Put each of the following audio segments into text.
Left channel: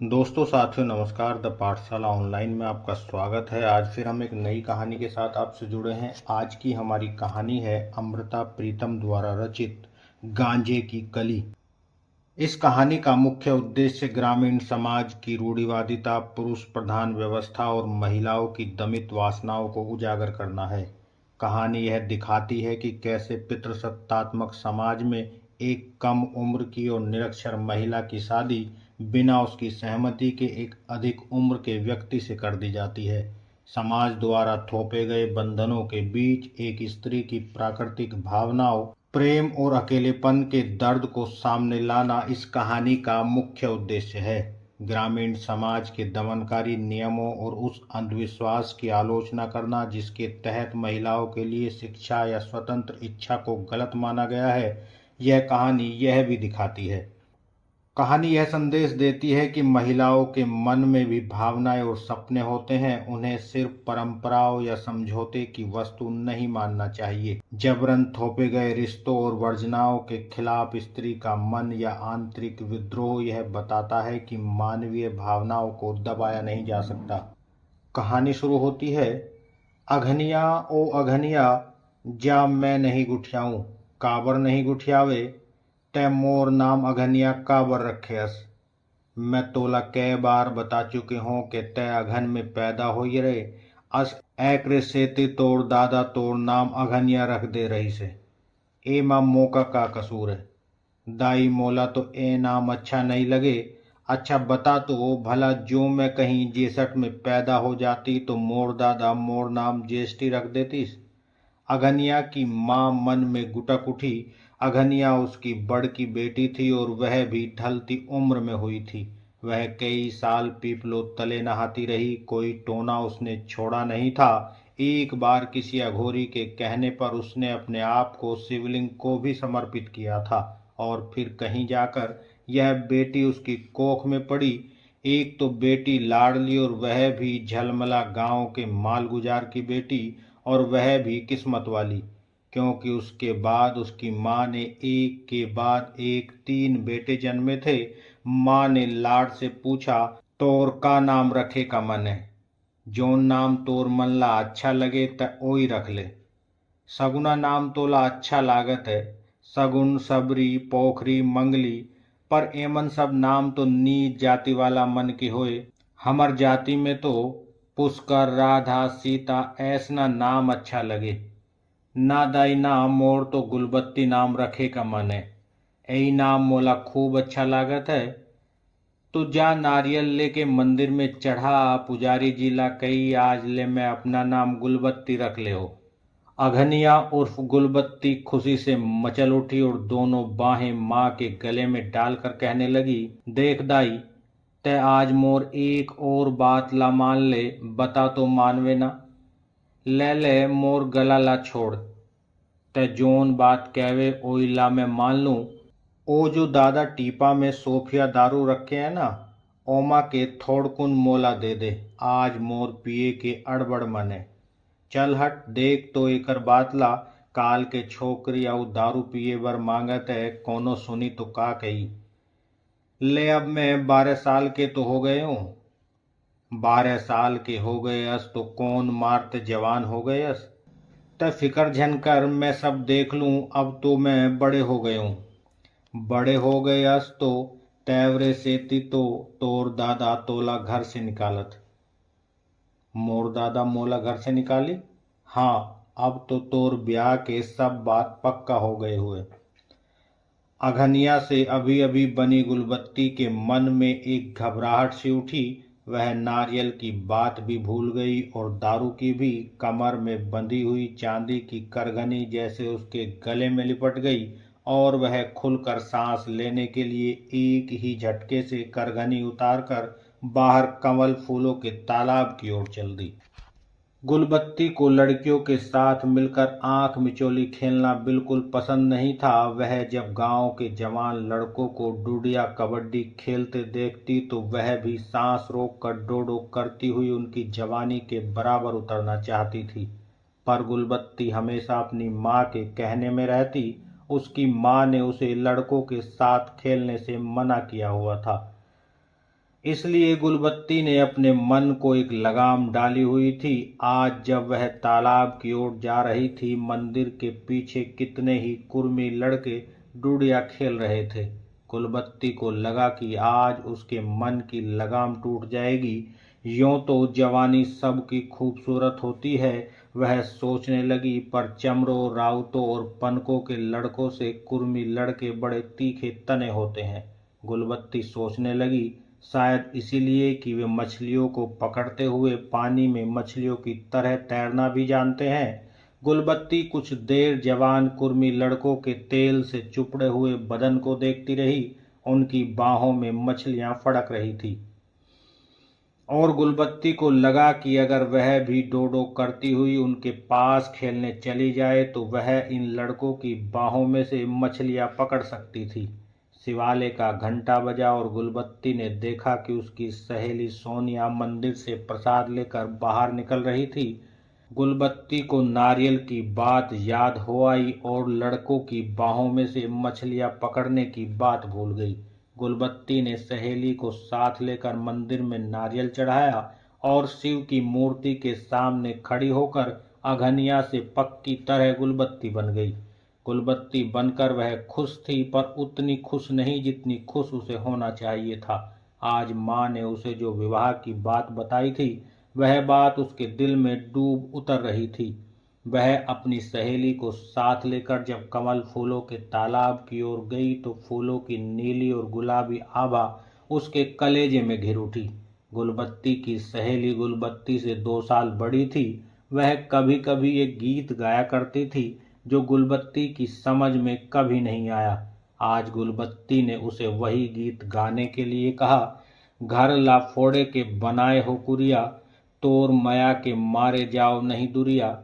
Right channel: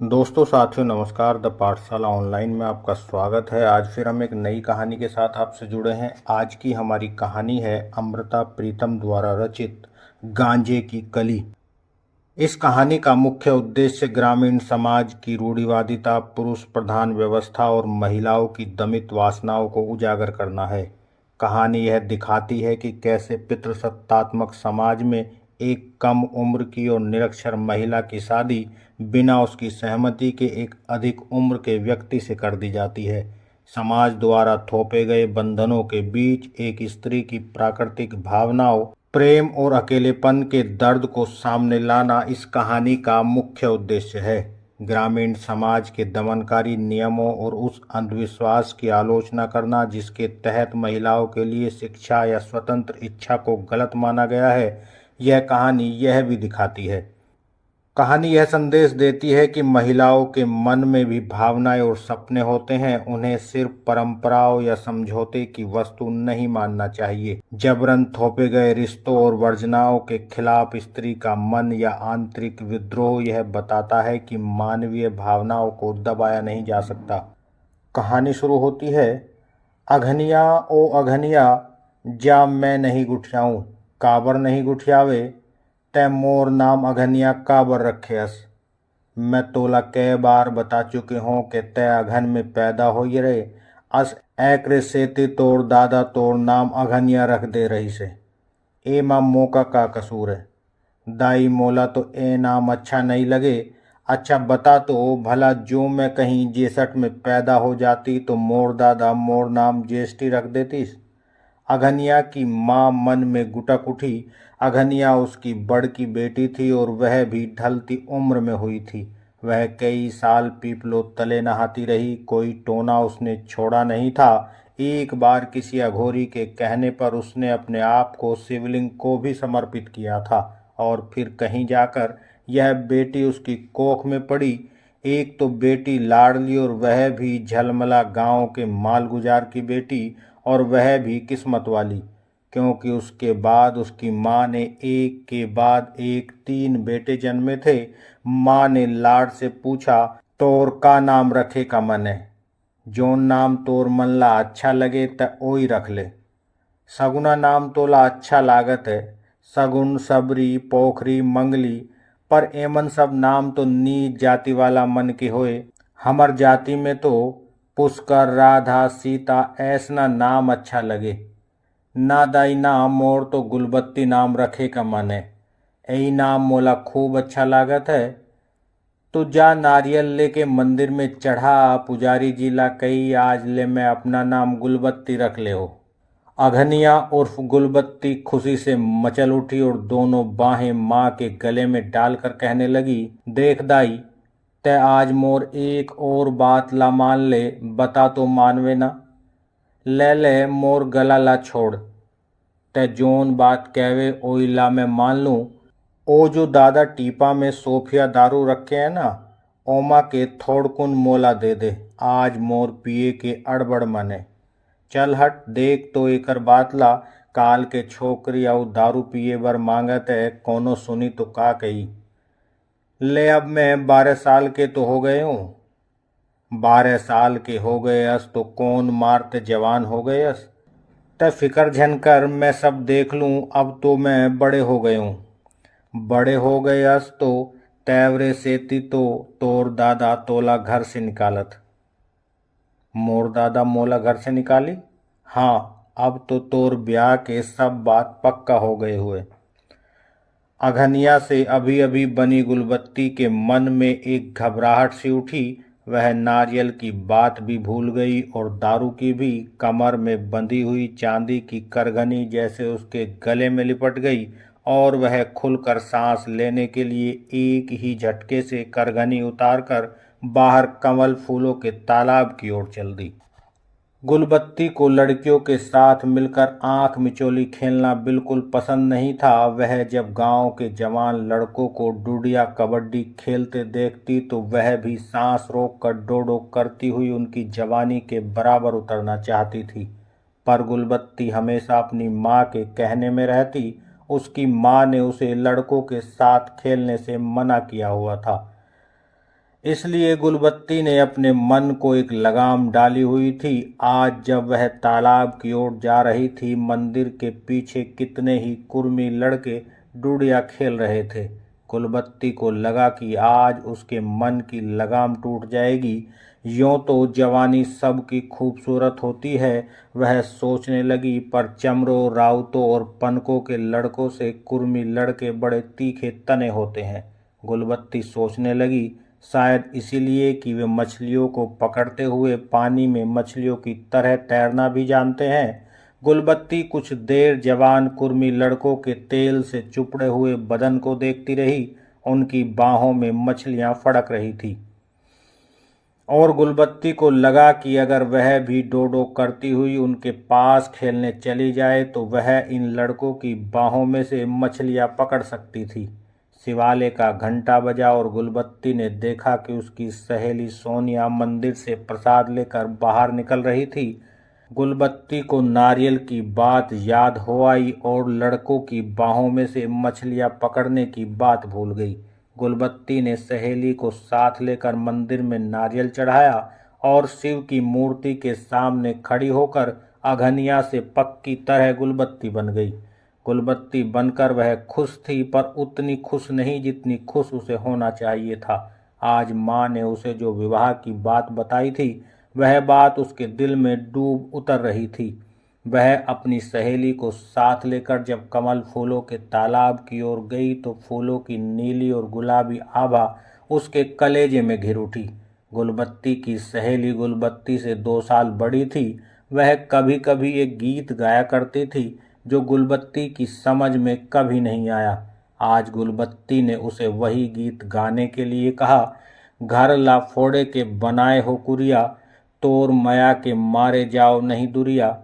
दोस्तों साथियों नमस्कार। द पाठशाला ऑनलाइन में आपका स्वागत है। आज फिर हम एक नई कहानी के साथ आपसे जुड़े हैं। आज की हमारी कहानी है अमृता प्रीतम द्वारा रचित गांजे की कली। इस कहानी का मुख्य उद्देश्य ग्रामीण समाज की रूढ़िवादिता, पुरुष प्रधान व्यवस्था और महिलाओं की दमित वासनाओं को उजागर करना है। कहानी यह दिखाती है कि कैसे पितृसत्तात्मक समाज में एक कम उम्र की और निरक्षर महिला की शादी बिना उसकी सहमति के एक अधिक उम्र के व्यक्ति से कर दी जाती है। समाज द्वारा थोपे गए बंधनों के बीच एक स्त्री की प्राकृतिक भावनाओं, प्रेम और अकेलेपन के दर्द को सामने लाना इस कहानी का मुख्य उद्देश्य है। ग्रामीण समाज के दमनकारी नियमों और उस अंधविश्वास की आलोचना करना जिसके तहत महिलाओं के लिए शिक्षा या स्वतंत्र इच्छा को गलत माना गया है। यह कहानी यह भी दिखाती है। कहानी यह संदेश देती है कि महिलाओं के मन में भी भावनाएं और सपने होते हैं। उन्हें सिर्फ परंपराओं या समझौते की वस्तु नहीं मानना चाहिए। जबरन थोपे गए रिश्तों और वर्जनाओं के खिलाफ स्त्री का मन या आंतरिक विद्रोह यह बताता है कि मानवीय भावनाओं को दबाया नहीं जा सकता। कहानी शुरू होती है। अघनिया ओ अघनिया, जा मैं नहीं गुठियाऊं, काबर नहीं गुठियावे, तै मोर नाम अघनिया काबर रखेस। मैं तोला कै बार बता चुके हों कि तै अघन में पैदा हो रहे, अस ऐक्रे सेती तोड़ दादा तोड़ नाम अघनिया रख दे रही से। ए माँ मोका का कसूर है। दाई मोला तो ए नाम अच्छा नहीं लगे। अच्छा बता तो भला, जो मैं कहीं जेसठ में पैदा हो जाती तो मोर दादा मोर नाम ज्येष्ठी रख देतीस। अघनिया की माँ मन में गुटक उठी। अघनिया उसकी बड़की बेटी थी और वह भी ढलती उम्र में हुई थी। वह कई साल पीपलों तले नहाती रही, कोई टोना उसने छोड़ा नहीं था। एक बार किसी अघोरी के कहने पर उसने अपने आप को शिवलिंग को भी समर्पित किया था। और फिर कहीं जाकर यह बेटी उसकी कोख में पड़ी। एक तो बेटी लाडली और वह भी झलमला गांव के मालगुजार की बेटी, और वह भी किस्मत वाली, क्योंकि उसके बाद उसकी माँ ने एक के बाद एक 3 बेटे जन्मे थे। माँ ने लाड से पूछा, तोर का नाम रखे का मन है? जोन नाम तोर मन ला अच्छा लगे त ओई रख ले। सगुना नाम तोला अच्छा लागत है, सगुन, सबरी, पोखरी, मंगली, पर एमन सब नाम तो नीच जाति वाला मन के होए। हमर जाति में तो पुष्कर, राधा, सीता ऐसना नाम अच्छा लगे। ना दाई ना, मोर तो गुलबत्ती नाम रखे का मन है। यही नाम मोला खूब अच्छा लागत है। तो जा नारियल लेके मंदिर में चढ़ा, पुजारी जी ला कही आज ले मैं अपना नाम गुलबत्ती रख ले हो। अघनिया उर्फ गुलबत्ती खुशी से मचल उठी और दोनों बाहें माँ के गले में डालकर कहने लगी, देख दाई, तै आज मोर एक और बात ला मान ले, बता तो मानवे ना। ले ले मोर गला ला छोड़, तै जोन बात कहवे ओई ला मैं मान लूँ। ओ जो दादा टीपा में सोफिया दारू रखे है ना, ओमा के थोड़कुन मोला दे दे। आज मोर पिए के अड़बड़ मन है। चल हट, देख तो एकर बात ला, काल के छोकरी आउ दारू पिए बर मांगत है, कोनो सुनी तो का कही। ले अब मैं 12 साल के तो हो गए हूँ। 12 साल के हो गए अस तो कौन मारते जवान हो गए अस। तय फिकर झन कर, मैं सब देख लूँ, अब तो मैं बड़े हो गए हूँ। बड़े हो गए अस तो तैवरे सेती तो तोर दादा तोला घर से निकालत। मोर दादा मोला घर से निकाली? हाँ, अब तो तोर ब्याह के सब बात पक्का हो गए हुए। अघनिया से अभी अभी बनी गुलबत्ती के मन में एक घबराहट सी उठी। वह नारियल की बात भी भूल गई और दारू की भी। कमर में बंधी हुई चांदी की करघनी जैसे उसके गले में लिपट गई और वह खुलकर सांस लेने के लिए एक ही झटके से करघनी उतारकर बाहर कमल फूलों के तालाब की ओर चल दी। गुलबत्ती को लड़कियों के साथ मिलकर आंख मिचोली खेलना बिल्कुल पसंद नहीं था। वह जब गांव के जवान लड़कों को डुडिया कबड्डी खेलते देखती तो वह भी सांस रोककर डोडो करती हुई उनकी जवानी के बराबर उतरना चाहती थी। पर गुलबत्ती हमेशा अपनी माँ के कहने में रहती। उसकी माँ ने उसे लड़कों के साथ खेलने से मना किया हुआ था। इसलिए गुलबत्ती ने अपने मन को एक लगाम डाली हुई थी। आज जब वह तालाब की ओर जा रही थी, मंदिर के पीछे कितने ही कुर्मी लड़के डुडिया खेल रहे थे। गुलबत्ती को लगा कि आज उसके मन की लगाम टूट जाएगी। यूं तो जवानी सबकी खूबसूरत होती है, वह सोचने लगी, पर चमरों, राउतों और पनकों के लड़कों से कुर्मी लड़के बड़े तीखे तने होते हैं। गुलबत्ती सोचने लगी, शायद इसीलिए कि वे मछलियों को पकड़ते हुए पानी में मछलियों की तरह तैरना भी जानते हैं। गुलबत्ती कुछ देर जवान कुर्मी लड़कों के तेल से चुपड़े हुए बदन को देखती रही। उनकी बाहों में मछलियां फड़क रही थी और गुलबत्ती को लगा कि अगर वह भी डोडो करती हुई उनके पास खेलने चली जाए तो वह इन लड़कों की बाहों में से मछलियां पकड़ सकती थी। शिवालय का घंटा बजा और गुलबत्ती ने देखा कि उसकी सहेली सोनिया मंदिर से प्रसाद लेकर बाहर निकल रही थी। गुलबत्ती को नारियल की बात याद हो आई और लड़कों की बाहों में से मछलियां पकड़ने की बात भूल गई। गुलबत्ती ने सहेली को साथ लेकर मंदिर में नारियल चढ़ाया और शिव की मूर्ति के सामने खड़ी होकर अघनिया से पक्की तरह गुलबत्ती बन गई। गुलबत्ती बनकर वह खुश थी, पर उतनी खुश नहीं जितनी खुश उसे होना चाहिए था। आज माँ ने उसे जो विवाह की बात बताई थी, वह बात उसके दिल में डूब उतर रही थी। वह अपनी सहेली को साथ लेकर जब कमल फूलों के तालाब की ओर गई तो फूलों की नीली और गुलाबी आभा उसके कलेजे में घिर उठी। गुलबत्ती की सहेली गुलबत्ती से 2 साल बड़ी थी। वह कभी कभी एक गीत गाया करती थी जो गुलबत्ती की समझ में कभी नहीं आया। आज गुलबत्ती ने उसे वही गीत गाने के लिए कहा। घर ला फोड़े के बनाए हो कुरिया, तोर माया के मारे जाओ नहीं दुरिया।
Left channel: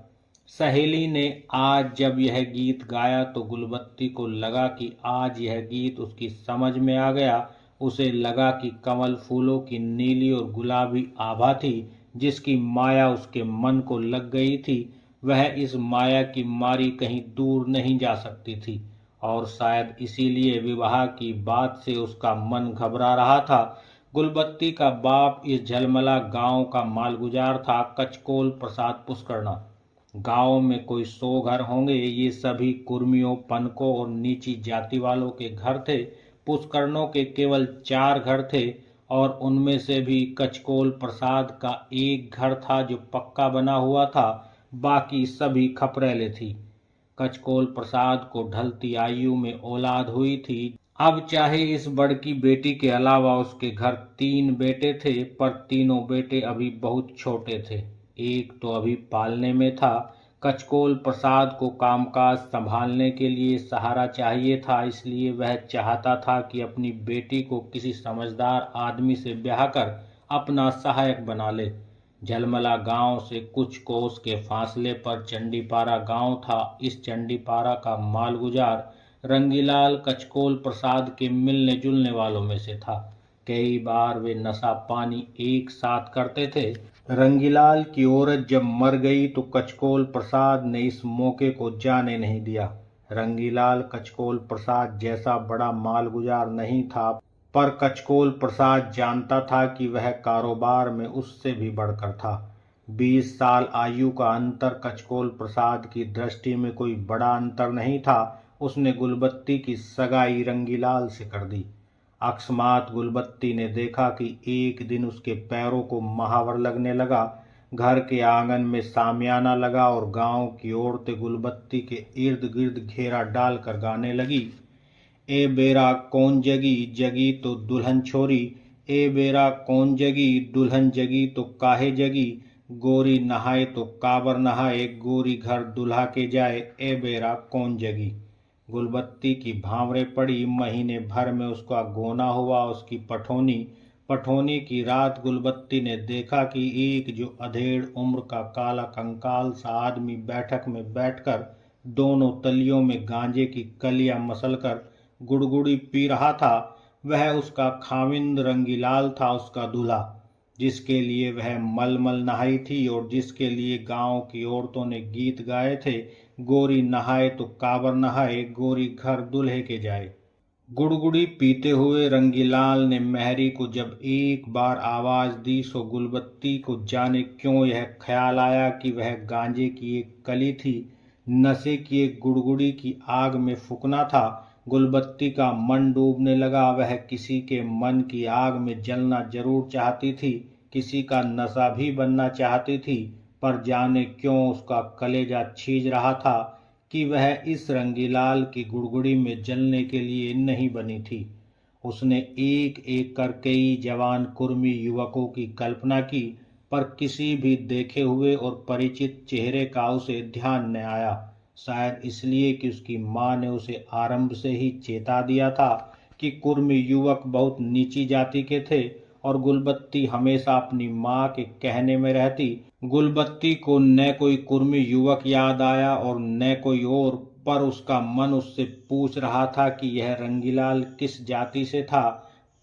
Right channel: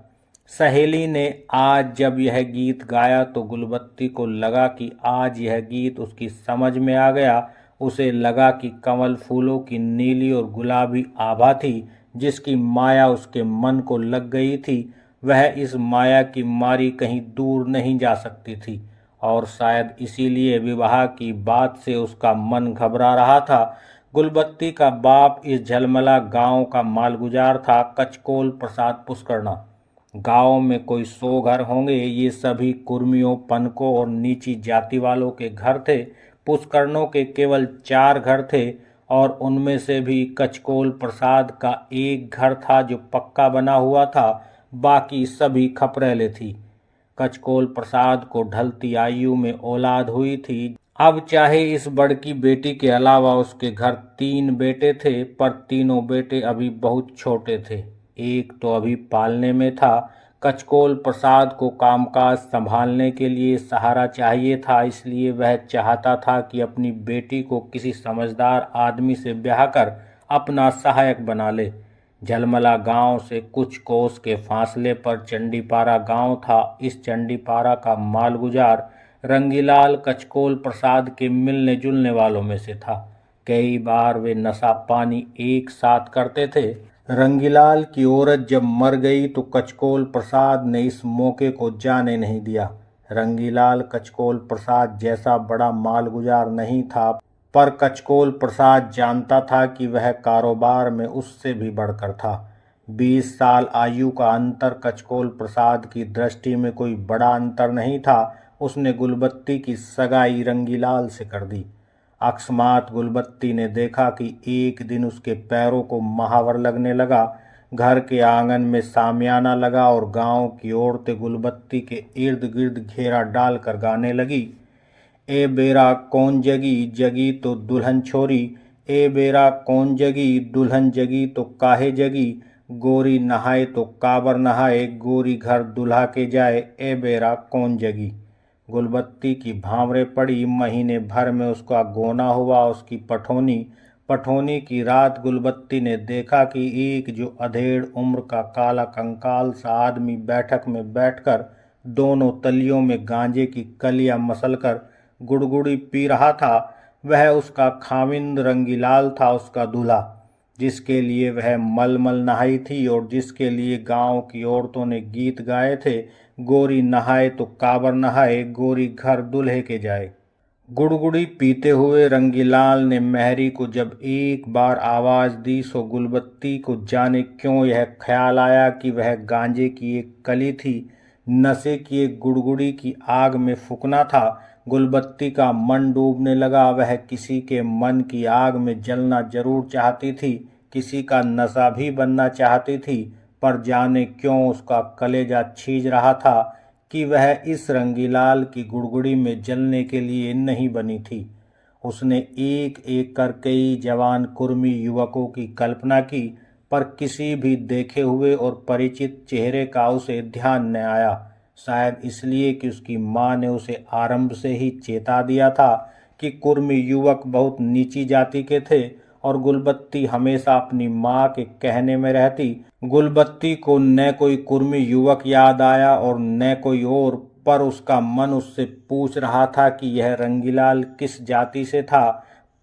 सहेली ने आज जब यह गीत गाया तो गुलबत्ती को लगा कि आज यह गीत उसकी समझ में आ गया। उसे लगा कि कमल फूलों की नीली और गुलाबी आभा थी जिसकी माया उसके मन को लग गई थी। वह इस माया की मारी कहीं दूर नहीं जा सकती थी और शायद इसीलिए विवाह की बात से उसका मन घबरा रहा था। गुलबत्ती का बाप इस झलमला गांव का मालगुजार था, कचकोल प्रसाद पुष्करना। गांव में कोई 100 घर होंगे। ये सभी कुर्मियों, पनकों और नीची जाति वालों के घर थे। पुष्करणों के केवल 4 घर थे और उनमें से भी कचकोल प्रसाद का एक घर था जो पक्का बना हुआ था, बाकी सभी खपरेले थी। कचकोल प्रसाद को ढलती आयु में औलाद हुई थी। अब चाहे इस बड़की बेटी के अलावा उसके घर 3 बेटे थे, पर तीनों बेटे अभी बहुत छोटे थे। एक तो अभी पालने में था। कचकोल प्रसाद को कामकाज संभालने के लिए सहारा चाहिए था, इसलिए वह चाहता था कि अपनी बेटी को किसी समझदार आदमी से ब्याह कर अपना सहायक बना ले। झलमला गांव से कुछ कोस के फासले पर चंडीपारा गांव था। इस चंडीपारा का मालगुजार रंगीलाल कचकोल प्रसाद के मिलने जुलने वालों में से था। कई बार वे नशा पानी एक साथ करते थे। रंगीलाल की औरत जब मर गई तो कचकोल प्रसाद ने इस मौके को जाने नहीं दिया। रंगीलाल कचकोल प्रसाद जैसा बड़ा मालगुजार नहीं था, पर कचकोल प्रसाद जानता था कि वह कारोबार में उससे भी बढ़कर था। 20 साल आयु का अंतर कचकोल प्रसाद की दृष्टि में कोई बड़ा अंतर नहीं था। उसने गुलबत्ती की सगाई रंगीलाल से कर दी। अकस्मात गुलबत्ती ने देखा कि एक दिन उसके पैरों को महावर लगने लगा। घर के आंगन में सामियाना लगा और गांव की औरतें गुलबत्ती के इर्द गिर्द घेरा डालकर गाने लगी। ए बेरा कौन जगी, जगी तो दुल्हन छोरी। ए बेरा कौन जगी, दुल्हन जगी तो काहे जगी। गोरी नहाए तो काबर नहाए, गोरी घर दुल्हा के जाए। ए बेरा कौन जगी। गुलबत्ती की भांवरे पड़ी। महीने भर में उसका गोना हुआ। उसकी पठोनी की रात गुलबत्ती ने देखा कि एक जो अधेड़ उम्र का काला कंकाल सा आदमी बैठक में बैठकर दोनों तलियों में गांजे की कलियां मसलकर गुड़गुड़ी पी रहा था, वह उसका खाविंद रंगीलाल था, उसका दूल्हा, जिसके लिए वह मलमल नहाई थी और जिसके लिए गांव की औरतों ने गीत गाए थे, गोरी नहाए तो काबर नहाए, गोरी घर दूल्हे के जाए। गुड़गुड़ी पीते हुए रंगीलाल ने मेहरी को जब एक बार आवाज दी सो गुलबत्ती को जाने क्यों यह ख्याल आया कि वह गांजे की एक कली थी, नशे की एक गुड़गुड़ी की आग में फूकना था। गुलबत्ती का मन डूबने लगा। वह किसी के मन की आग में जलना जरूर चाहती थी, किसी का नशा भी बनना चाहती थी, पर जाने क्यों उसका कलेजा छीज रहा था कि वह इस रंगीलाल की गुड़गुड़ी में जलने के लिए नहीं बनी थी। उसने एक एक कर कई जवान कुर्मी युवकों की कल्पना की, पर किसी भी देखे हुए और परिचित चेहरे का उसे ध्यान न आया। शायद इसलिए कि उसकी माँ ने उसे आरंभ से ही चेता दिया था कि कुर्मी युवक बहुत नीची जाति के थे और गुलबत्ती हमेशा अपनी माँ के कहने में रहती। गुलबत्ती को न कोई कुर्मी युवक याद आया और न कोई और, पर उसका मन उससे पूछ रहा था कि यह रंगीलाल किस जाति से था।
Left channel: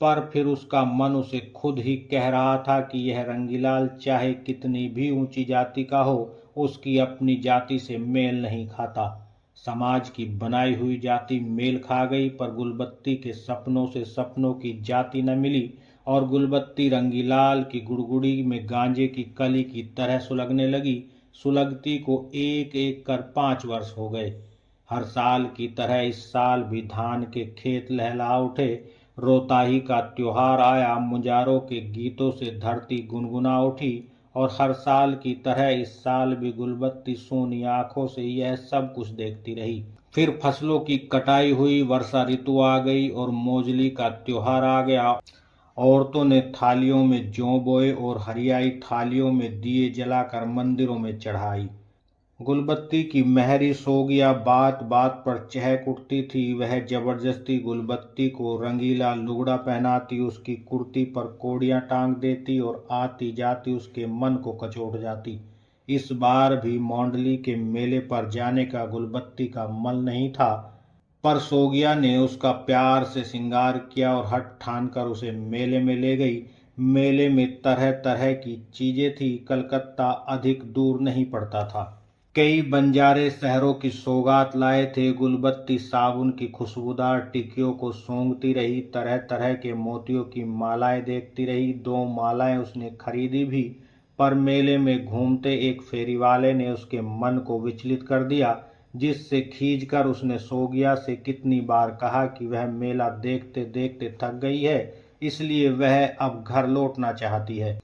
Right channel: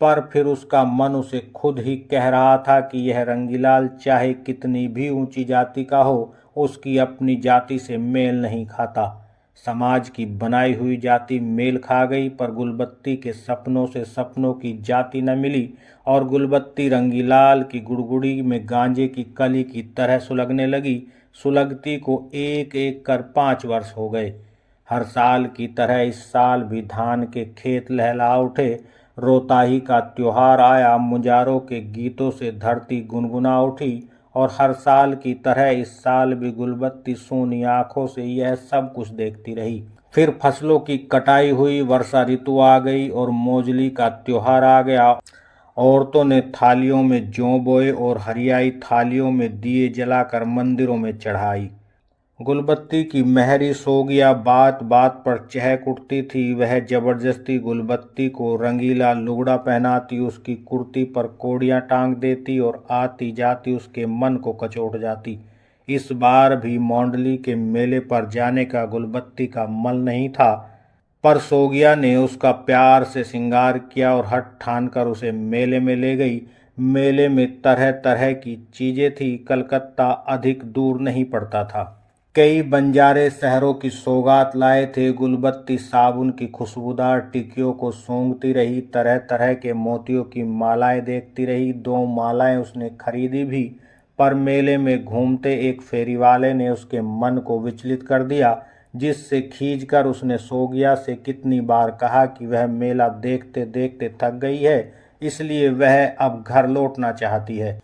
पर फिर उसका मन उसे खुद ही कह रहा था कि यह रंगीलाल चाहे कितनी भी ऊंची जाति का हो, उसकी अपनी जाति से मेल नहीं खाता। समाज की बनाई हुई जाति मेल खा गई, पर गुलबत्ती के सपनों से सपनों की जाति न मिली और गुलबत्ती रंगीलाल की गुड़गुड़ी में गांजे की कली की तरह सुलगने लगी। सुलगती को एक एक कर 5 वर्ष हो गए। हर साल की तरह इस साल भी धान के खेत लहला उठे। रोताही का त्योहार आया। मुजारों के गीतों से धरती गुनगुना उठी और हर साल की तरह इस साल भी गुलबत्ती सोनी आंखों से यह सब कुछ देखती रही। फिर फसलों की कटाई हुई, वर्षा ऋतु आ गई और मोजली का त्योहार आ गया। औरतों ने थालियों में जौ बोए और हरियाई थालियों में दिए जलाकर मंदिरों में चढ़ाई। गुलबत्ती की मेहरी सो गया बात बात पर चहक उठती थी। वह जबरदस्ती गुलबत्ती को रंगीला लुगड़ा पहनाती, उसकी कुर्ती पर कोड़ियां टांग देती और आती जाती उसके मन को कचोट जाती। इस बार भी मौंडली के मेले पर जाने का गुलबत्ती का मन नहीं था, पर सोगिया ने उसका प्यार से श्रृंगार किया और हठ ठान कर उसे मेले में ले गई। मेले में तरह तरह की चीजें थी। कलकत्ता अधिक दूर नहीं पड़ता था। कई बंजारे शहरों की सौगात लाए थे। गुलबत्ती साबुन की खुशबूदार टिकियों को सूंघती रही, तरह तरह के मोतियों की मालाएं देखती रही। 2 मालाएं उसने खरीदी भी, पर मेले में घूमते एक फेरी वाले ने उसके मन को विचलित कर दिया, जिससे खींचकर उसने सोगिया से कितनी बार कहा कि वह मेला देखते देखते थक गई है, इसलिए वह अब घर लौटना चाहती है।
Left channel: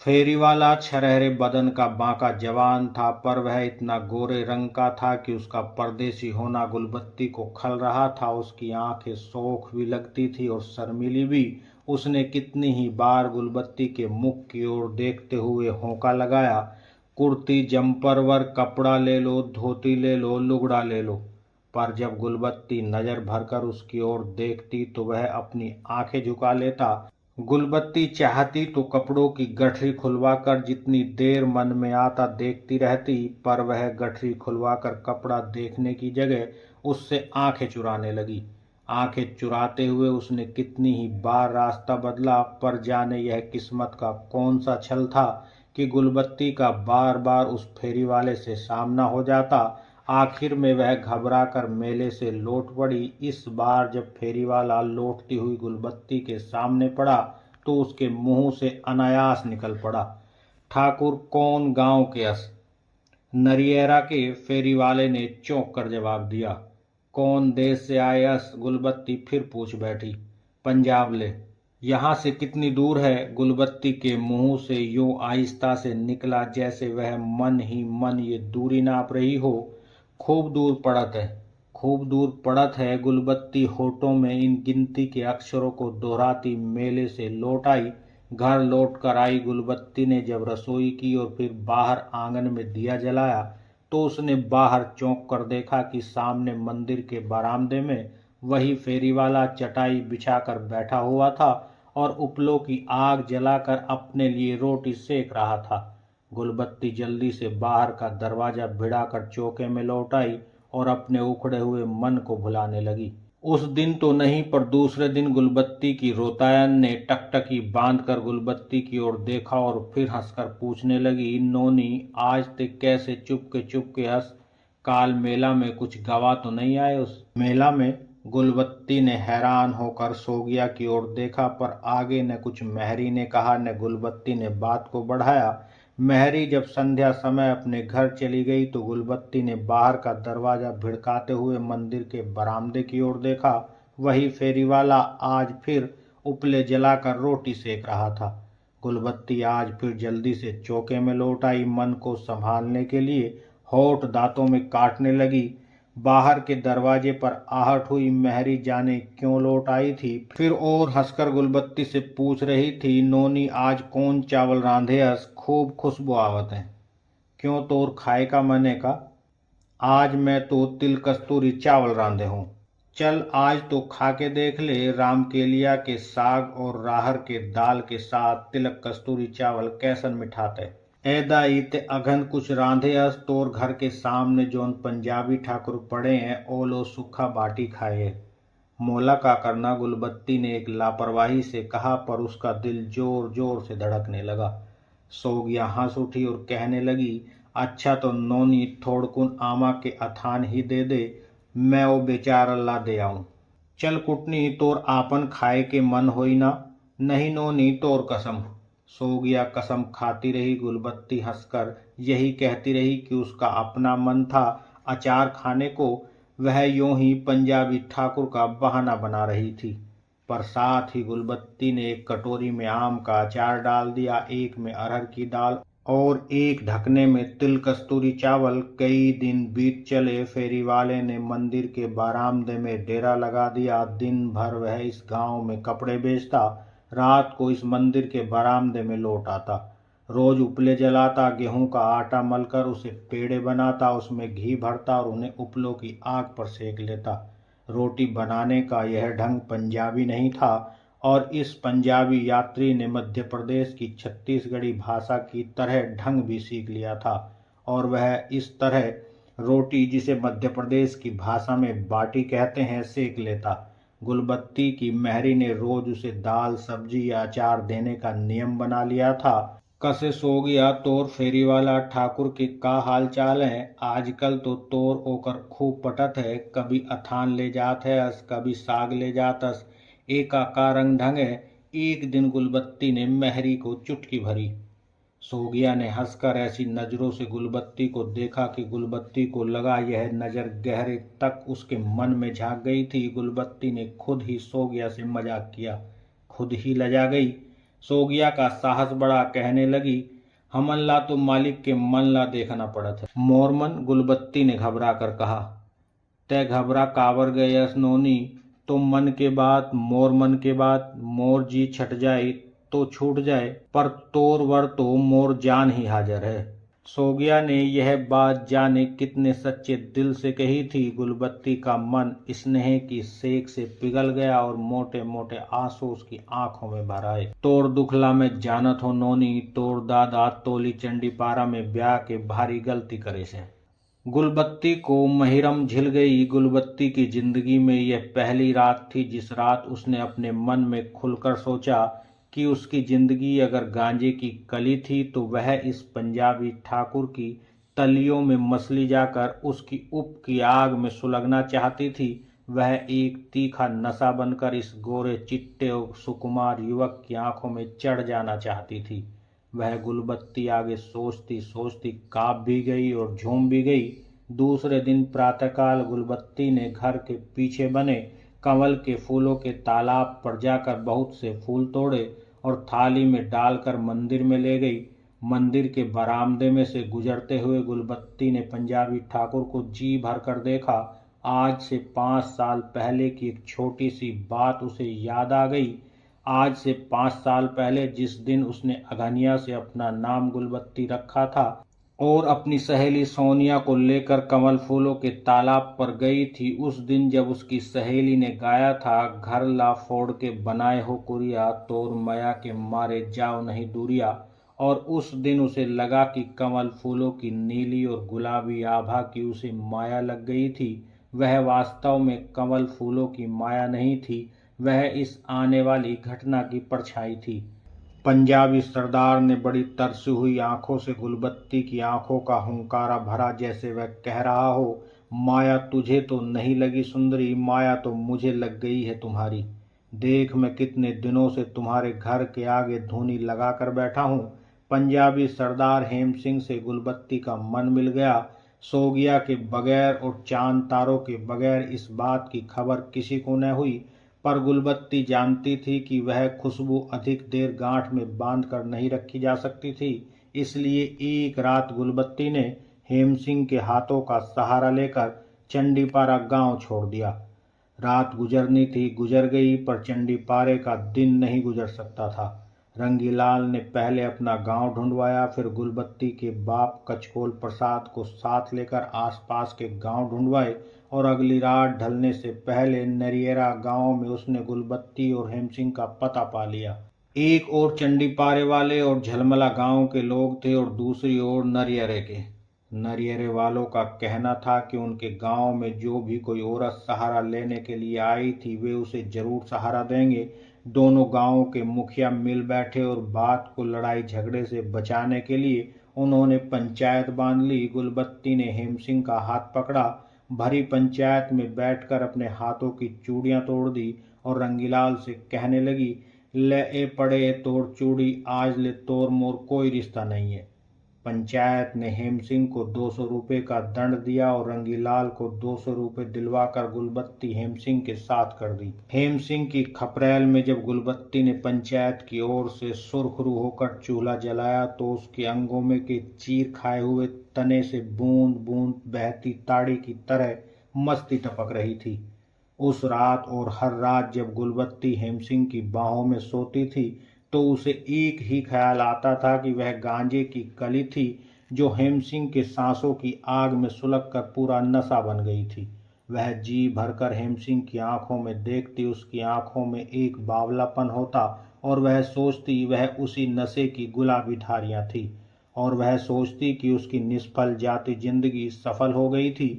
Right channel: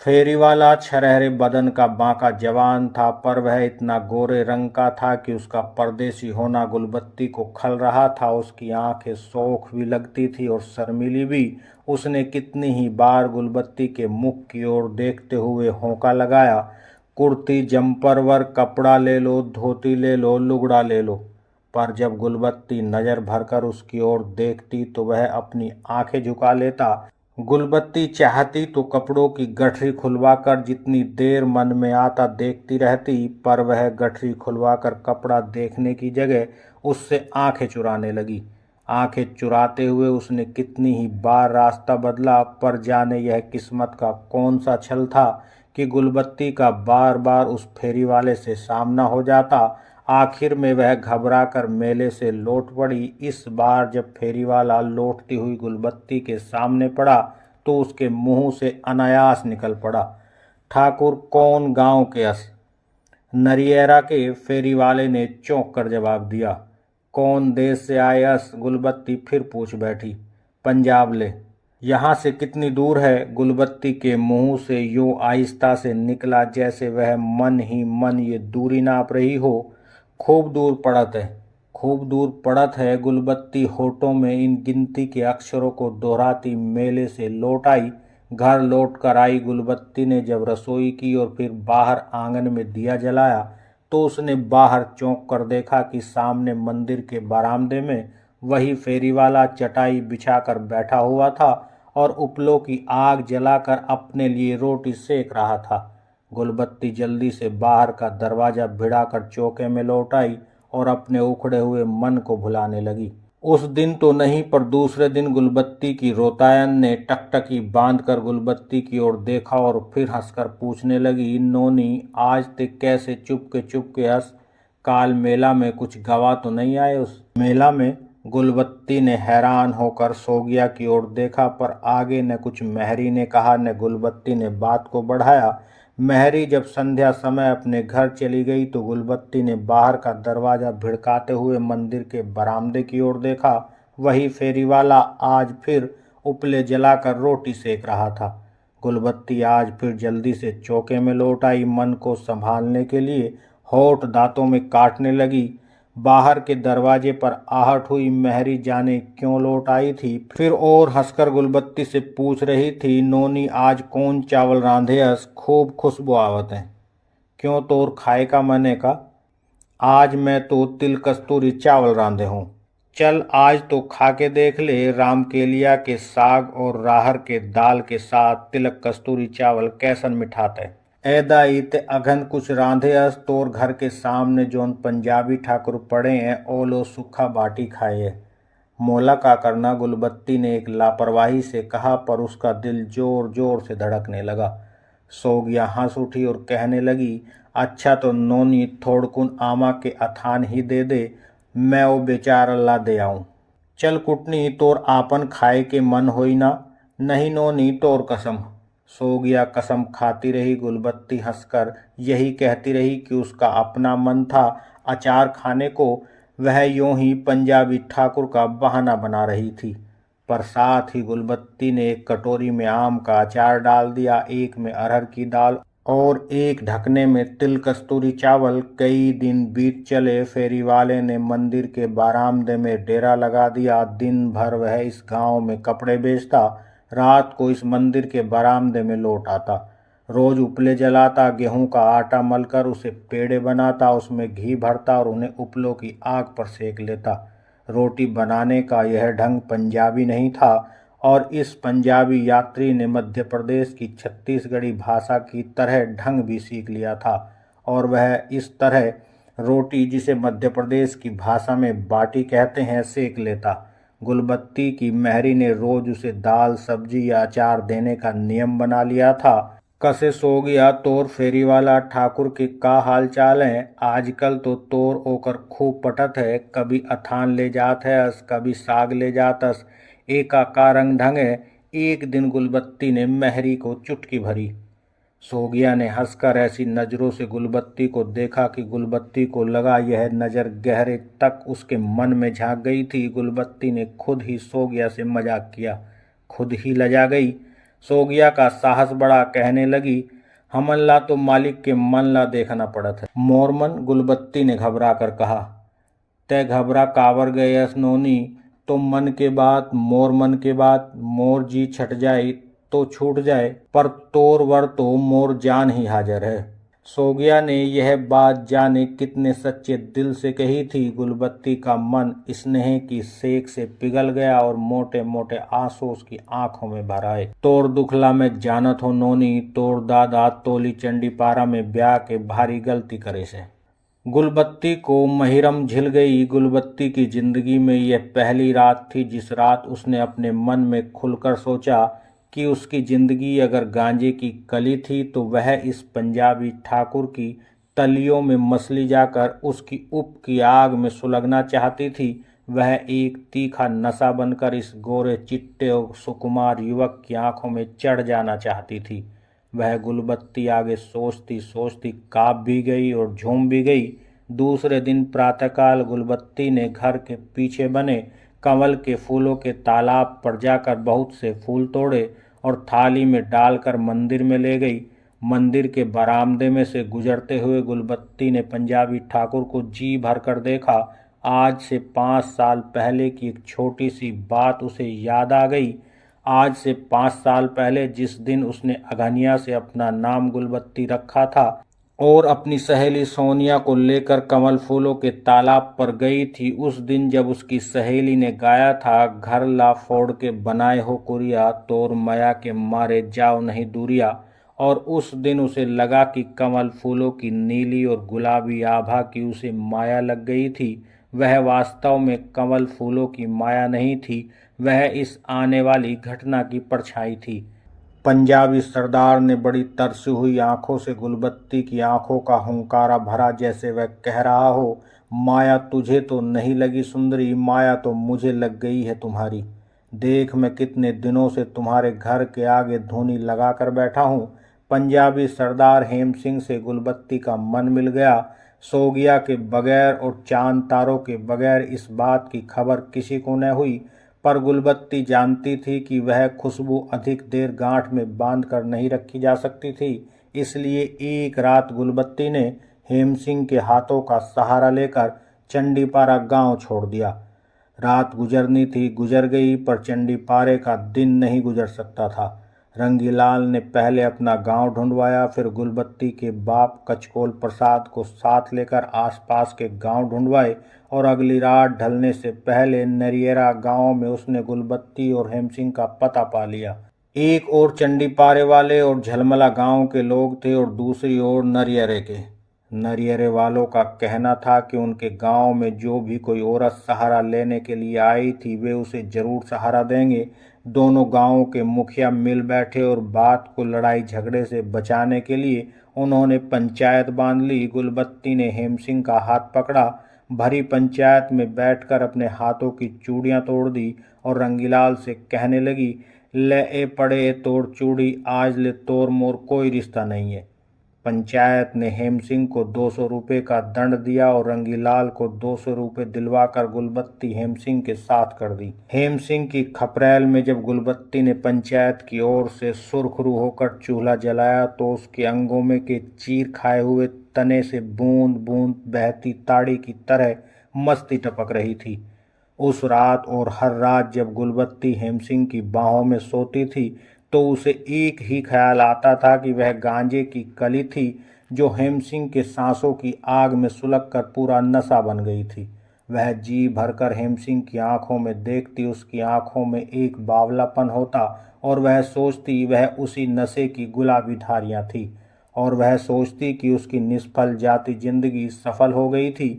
फेरी वाला छरहरे बदन का बांका जवान था, पर वह इतना गोरे रंग का था कि उसका परदेसी होना गुलबत्ती को खल रहा था। उसकी आंखें शौख भी लगती थी और शर्मीली भी। उसने कितनी ही बार गुलबत्ती के मुख की ओर देखते हुए होंका लगाया, कुर्ती जम्पर वर्क कपड़ा ले लो, धोती ले लो, लुगड़ा ले लो। पर जब गुलबत्ती नजर भरकर उसकी ओर देखती तो वह अपनी आंखें झुका लेता। गुलबत्ती चाहती तो कपड़ों की गठरी खुलवाकर जितनी देर मन में आता देखती रहती, पर वह गठरी खुलवाकर कपड़ा देखने की जगह उससे आंखें चुराने लगी। आंखें चुराते हुए उसने कितनी ही बार रास्ता बदला, पर जाने यह किस्मत का कौन सा छल था कि गुलबत्ती का बार बार उस फेरी वाले से सामना हो जाता। आखिर में वह घबरा कर मेले से लौट पड़ी। इस बार जब फेरी वाला लौटती हुई गुलबत्ती के सामने पड़ा तो उसके मुंह से अनायास निकल पड़ा, ठाकुर कौन गांव के अस? नरियरा के? फेरी वाले ने चौंक कर जवाब दिया। कौन देश से आए अस? गुलबत्ती फिर पूछ बैठी। पंजाब ले। यहाँ से कितनी दूर है? गुलबत्ती के मुंह से यूं आहिस्ता से निकला जैसे वह मन ही मन ये दूरी नाप रही हो। खूब दूर पड़त है, खूब दूर पड़त है। गुलबत्ती होठों में इन गिनती के अक्षरों को दोहराती मेले से लौट आई। घर लौट कर आई गुलबत्ती ने जब रसोई की और फिर बाहर आंगन में दिया जलाया तो उसने बाहर चौंक कर देखा कि सामने मंदिर के बरामदे में वही फेरी वाला चटाई बिछाकर बैठा हुआ था और उपलों की आग जलाकर अपने लिए रोटी सेक रहा था। गुलबत्ती जल्दी से बाहर का दरवाजा भिड़ाकर चौके में लौट आई और अपने उखड़े हुए मन को भुलाने लगी। उस दिन तो नहीं, पर दूसरे दिन गुलबत्ती की रोतायन ने टकटकी बांधकर गुलबत्ती की ओर देखा और फिर हंसकर पूछने लगी, नोनी आज तक कैसे चुपके हंस? काल मेला में कुछ गवा तो नहीं आए? उस मेला में गुलबत्ती ने हैरान होकर सोगिया की ओर देखा, पर आगे न कुछ मेहरी ने कहा न गुलबत्ती ने बात को बढ़ाया। मेहरी जब संध्या समय अपने घर चली गई तो गुलबत्ती ने बाहर का दरवाजा भिड़काते हुए मंदिर के बरामदे की ओर देखा। वही फेरीवाला आज फिर उपले जलाकर रोटी सेक रहा था। गुलबत्ती आज फिर जल्दी से चौके में लौट आई। मन को संभालने के लिए होठ दांतों में काटने लगी। बाहर के दरवाजे पर आहट हुई। मेहरी जाने क्यों लौट आई थी। फिर और हंसकर गुलबत्ती से पूछ रही थी, नोनी आज कौन चावल रांधे हस, खूब खुशबू आवत है। क्यों तोर खाए का मने का? आज मैं तो तिल कस्तूरी चावल रांधे हूँ। चल आज तो खा के देख ले, रामकेलिया के साग और राहर के दाल के साथ तिलक कस्तूरी चावल कैसन मिठात है। ऐदाई ते अघन कुछ रांधे अस, तोर घर के सामने जोन पंजाबी ठाकुर पड़े हैं ओ लो सूखा बाटी खाए। मोला का करना, गुलबत्ती ने एक लापरवाही से कहा, पर उसका दिल जोर जोर से धड़कने लगा। सोगिया हंस उठी और कहने लगी, अच्छा तो नोनी थोड़कुन आमा के अथान ही दे दे, मैं वो बेचारा ला दे आऊं। चल कुटनी तोर आपन खाए के मन होई ना? नहीं नोनी तोर कसम। सोगिया कसम खाती रही। गुलबत्ती हंसकर यही कहती रही कि उसका अपना मन था अचार खाने को। वह यूं ही पंजाबी ठाकुर का बहाना बना रही थी। पर साथ ही गुलबत्ती ने एक कटोरी में आम का अचार डाल दिया, एक में अरहर की दाल और एक ढकने में तिल कस्तूरी चावल। कई दिन बीत चले। फेरी वाले ने मंदिर के बारामदे में डेरा लगा दिया। दिन भर वह इस गांव में कपड़े बेचता, रात को इस मंदिर के बरामदे में लौट आता। रोज उपले जलाता, गेहूं का आटा मलकर उसे पेड़े बनाता, उसमें घी भरता और उन्हें उपलों की आग पर सेक लेता। रोटी बनाने का यह ढंग पंजाबी नहीं था और इस पंजाबी यात्री ने मध्य प्रदेश की छत्तीसगढ़ी भाषा की तरह ढंग भी सीख लिया था और वह इस तरह रोटी, जिसे मध्य प्रदेश की भाषा में बाटी कहते हैं, सेक लेता। गुलबत्ती की मेहरी ने रोज उसे दाल सब्जी या अचार देने का नियम बना लिया था। कसे सो गया तोर फेरी वाला ठाकुर के का हाल चाल है? आजकल तो तोर ओकर खूब पटत है, कभी अथान ले जात है अस, कभी साग ले जातस, एका का रंग ढंग है। एक दिन गुलबत्ती ने मेहरी को चुटकी भरी। सोगिया ने हंसकर ऐसी नजरों से गुलबत्ती को देखा कि गुलबत्ती को लगा यह नज़र गहरे तक उसके मन में झांक गई थी। गुलबत्ती ने खुद ही सोगिया से मजाक किया, खुद ही लजा गई। सोगिया का साहस बढ़ा, कहने लगी, हमन ला तो मालिक के मन ला देखना पड़त है। मोरमन, गुलबत्ती ने घबरा कर कहा। तय घबरा कावर गयस नोनी? तो मन के बात, मोर मन के बात, मोर जी छट जाए तो छूट जाए, पर तोर वर तो मोर जान ही हाजिर है। सोगिया ने यह बात जाने कितने सच्चे दिल से कही थी। गुलबत्ती का मन स्नेह की सेक से पिघल गया और मोटे मोटे आंसू उसकी आंखों में भर आए। तोर दुखला में जानत हो नोनी, तोर दादा तोली चंडी पारा में ब्याह के भारी गलती करे से। गुलबत्ती को महिरम झिल गई। गुलबत्ती की जिंदगी में यह पहली रात थी जिस रात उसने अपने मन में खुलकर सोचा कि उसकी जिंदगी अगर गांजे की कली थी तो वह इस पंजाबी ठाकुर की तलियों में मसली जाकर उसकी उप की आग में सुलगना चाहती थी। वह एक तीखा नशा बनकर इस गोरे चिट्टे और सुकुमार युवक की आंखों में चढ़ जाना चाहती थी। वह गुलबत्ती आगे सोचती सोचती काँप भी गई और झूम भी गई। दूसरे दिन प्रातःकाल गुलबत्ती ने घर के पीछे बने कमल के फूलों के तालाब पर जाकर बहुत से फूल तोड़े और थाली में डालकर मंदिर में ले गई। मंदिर के बरामदे में से गुजरते हुए गुलबत्ती ने पंजाबी ठाकुर को जी भर कर देखा। आज से 5 साल पहले की एक छोटी सी बात उसे याद आ गई। आज से 5 साल पहले जिस दिन उसने अगनिया से अपना नाम गुलबत्ती रखा था और अपनी सहेली सोनिया को लेकर कमल फूलों के तालाब पर गई थी, उस दिन जब उसकी सहेली ने गाया था, घर ला फोड़ के बनाए हो कुरिया, तोर माया के मारे जाओ नहीं दूरिया। और उस दिन उसे लगा कि कमल फूलों की नीली और गुलाबी आभा की उसे माया लग गई थी। वह वास्तव में कमल फूलों की माया नहीं थी, वह इस आने वाली घटना की परछाई थी। पंजाबी सरदार ने बड़ी तरसी हुई आंखों से गुलबत्ती की आंखों का हुंकारा भरा, जैसे वह कह रहा हो, माया तुझे तो नहीं लगी सुंदरी, माया तो मुझे लग गई है तुम्हारी। देख मैं कितने दिनों से तुम्हारे घर के आगे धूनी लगा कर बैठा हूँ। पंजाबी सरदार हेम सिंह से गुलबत्ती का मन मिल गया। सोगिया के बगैर और चांद तारों के बगैर इस बात की खबर किसी को न हुई, पर गुलबत्ती जानती थी कि वह खुशबू अधिक देर गांठ में बांध कर नहीं रखी जा सकती थी। इसलिए एक रात गुलबत्ती ने हेम सिंह के हाथों का सहारा लेकर चंडीपारा गांव छोड़ दिया। रात गुजरनी थी, गुजर गई, पर चंडीपारे का दिन नहीं गुजर सकता था। रंगीलाल ने पहले अपना गांव ढूंढवाया, फिर गुलबत्ती के बाप कचकोल प्रसाद को साथ लेकर आसपास के गांव ढूंढवाए और अगली रात ढलने से पहले नरियरा गांव में उसने गुलबत्ती और हेमसिंह का पता पा लिया। एक ओर चंडीपारे वाले और झलमला गांव के लोग थे और दूसरी ओर नरियरे के। नरियरे वालों का कहना था कि उनके गांव में जो भी कोई औरत सहारा लेने के लिए आई थी वे उसे जरूर सहारा देंगे। दोनों गांवों के मुखिया मिल बैठे और बात को लड़ाई झगड़े से बचाने के लिए उन्होंने पंचायत बांध ली। गुलबत्ती ने हेमसिंह का हाथ पकड़ा, भरी पंचायत में बैठकर अपने हाथों की चूड़ियां तोड़ दी और रंगीलाल से कहने लगी, ले ए पड़े तोड़ चूड़ी, आज ले तोड़ मोर कोई रिश्ता नहीं है। पंचायत ने हेमसिंह को 200 रुपये का दंड दिया और रंगीलाल को 200 रुपये दिलवाकर गुलबत्ती हेमसिंह के साथ कर दी। हेमसिंह की खपरेल में जब गुलबत्ती ने पंचायत की ओर से सुरखरू होकर चूल्हा जलाया तो उसके अंगों में के चीर खाए हुए तने से बूंद बूंद बहती ताड़ी की तरह मस्ती टपक रही थी। उस रात और हर रात जब गुलबत्ती हेमसिंह की बाहों में सोती थी तो उसे एक ही ख्याल आता था कि वह गांजे की कली थी जो हेमसिंह के सांसों की आग में सुलग कर पूरा नशा बन गई थी। वह जी भरकर हेमसिंह की आंखों में देखती, उसकी आंखों में एक बावलापन होता और वह सोचती वह उसी नशे की गुलाबी धारियां थी और वह सोचती कि उसकी निष्फल जाती जिंदगी सफल हो गई थी।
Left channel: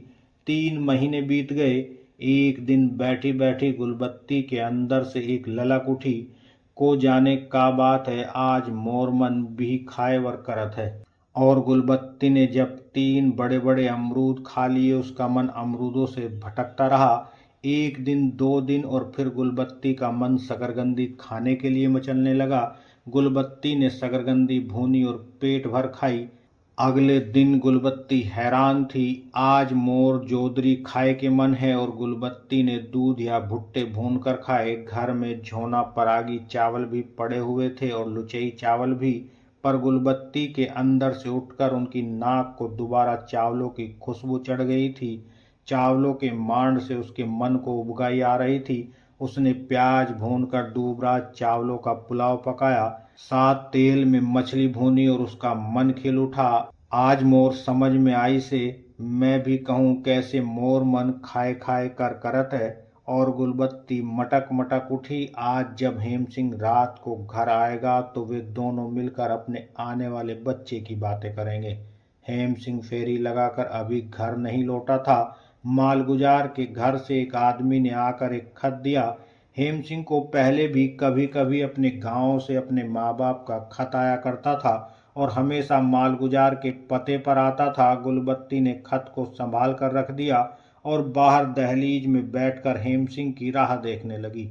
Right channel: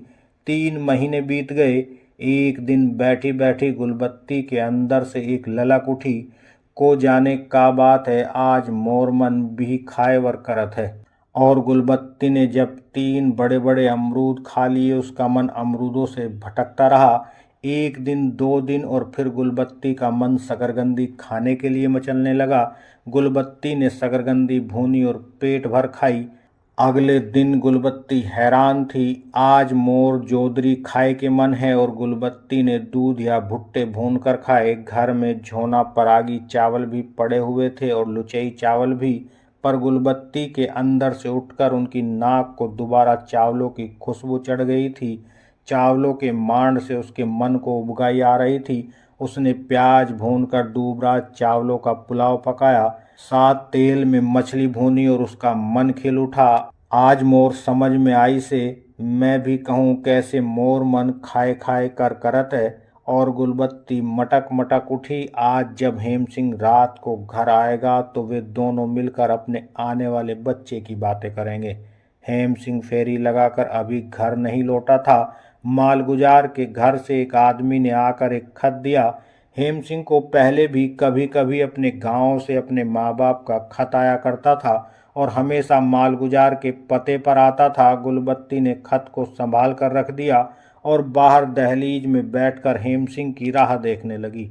3 महीने बीत गए। एक दिन बैठी बैठी गुलबत्ती के अंदर से एक ललक उठी, को जाने का बात है, आज मोर मन भी खाएवर करत है। और गुलबत्ती ने जब 3 बड़े बड़े अमरूद खा लिए उसका मन अमरूदों से भटकता रहा। 1 दिन 2 दिन और फिर गुलबत्ती का मन शकरकंदी खाने के लिए मचलने लगा। गुलबत्ती ने शकरकंदी भूनी और पेट भर खाई। अगले दिन गुलबत्ती हैरान थी, आज मोर जोदरी खाए के मन है और गुलबत्ती ने दूध या भुट्टे भून कर खाए। घर में झोना परागी चावल भी पड़े हुए थे और लुचई चावल भी, पर गुलबत्ती के अंदर से उठकर उनकी नाक को दोबारा चावलों की खुशबू चढ़ गई थी। चावलों के मांड से उसके मन को उबगाई आ रही थी। उसने प्याज भूनकर दूबरा चावलों का पुलाव पकाया, साथ तेल में मछली भूनी और उसका मन खिल उठा। आज मोर समझ में आई से मैं भी कहूँ कैसे मोर मन खाए खाए कर करत है। और गुलबत्ती मटक मटक उठी। आज जब हेमसिंह रात को घर आएगा तो वे दोनों मिलकर अपने आने वाले बच्चे की बातें करेंगे। हेमसिंह फेरी लगाकर अभी घर नहीं लौटा था। मालगुजार के घर से एक आदमी ने आकर एक खत दिया। हेमसिंह को पहले भी कभी कभी अपने गांव से अपने माँ बाप का खत आया करता था और हमेशा मालगुजार के पते पर आता था। गुलबत्ती ने खत को संभाल कर रख दिया और बाहर दहलीज में बैठकर हेमसिंह की राह देखने लगी।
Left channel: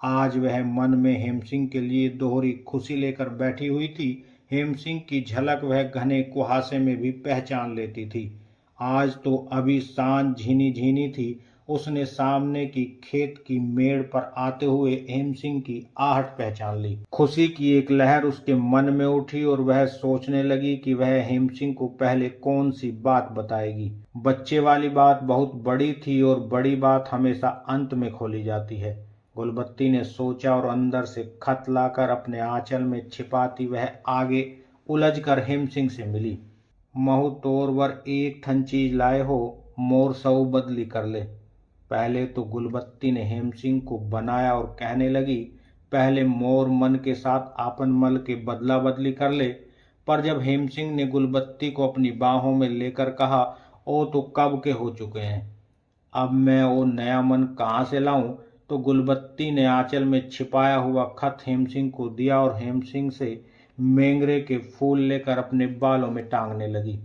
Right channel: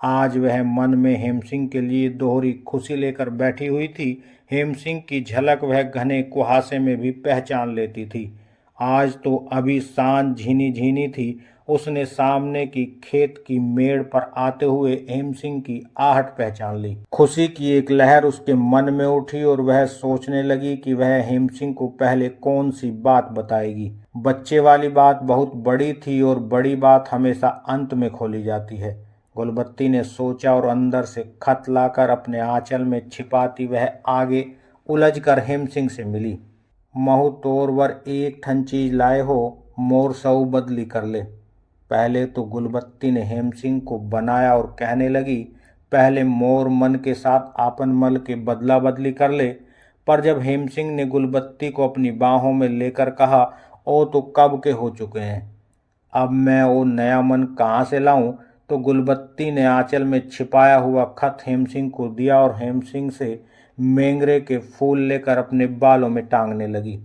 आज वह मन में हेमसिंह के लिए दोहरी खुशी लेकर बैठी हुई थी। हेमसिंह की झलक वह घने कुहासे में भी पहचान लेती थी। आज तो अभी सांझ झीनी झीनी थी। उसने सामने की खेत की मेड़ पर आते हुए हेमसिंह की आहट पहचान ली। खुशी की एक लहर उसके मन में उठी और वह सोचने लगी कि वह हेमसिंह को पहले कौन सी बात बताएगी। बच्चे वाली बात बहुत बड़ी थी और बड़ी बात हमेशा अंत में खोली जाती है। गुलबत्ती ने सोचा और अंदर से खत लाकर अपने आंचल में छिपाती वह आगे उलझकर हेमसिंह से मिली। महू तोरवर एक ठन चीज लाए हो, मोर सऊ बदली कर ले। पहले तो गुलबत्ती ने हेमसिंह को बनाया और कहने लगी, पहले मोर मन के साथ आपन मल के बदला बदली कर ले। पर जब हेमसिंह ने गुलबत्ती को अपनी बाहों में लेकर कहा, ओ तो कब के हो चुके हैं, अब मैं वो नया मन कहाँ से लाऊं, तो गुलबत्ती ने आंचल में छिपाया हुआ खत हेमसिंह को दिया और हेमसिंह से मेंगरे के फूल लेकर अपने बालों में टांगने लगी।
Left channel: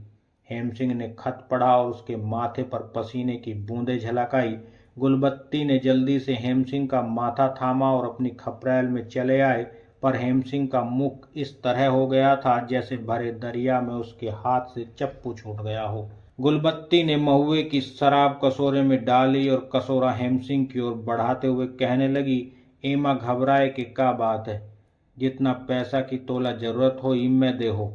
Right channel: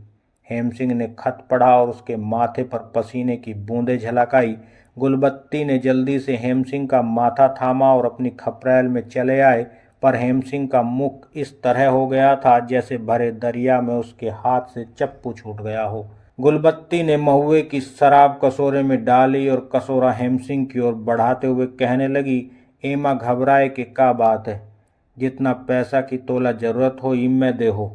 हेम सिंह ने खत पढ़ा और उसके माथे पर पसीने की बूंदें झलक आई। गुलबत्ती ने जल्दी से हेम सिंह का माथा थामा और अपनी खपरेल में चले आए, पर हेम सिंह का मुख इस तरह हो गया था जैसे भरे दरिया में उसके हाथ से चप्पू छूट गया हो। गुलबत्ती ने महुए की शराब कटोरे में डाली और कटोरा हेम सिंह की ओर बढ़ाते हुए कहने लगी, एमा घबराए के का बात है, जितना पैसा की तोला जरूरत हो इनमें दे हो।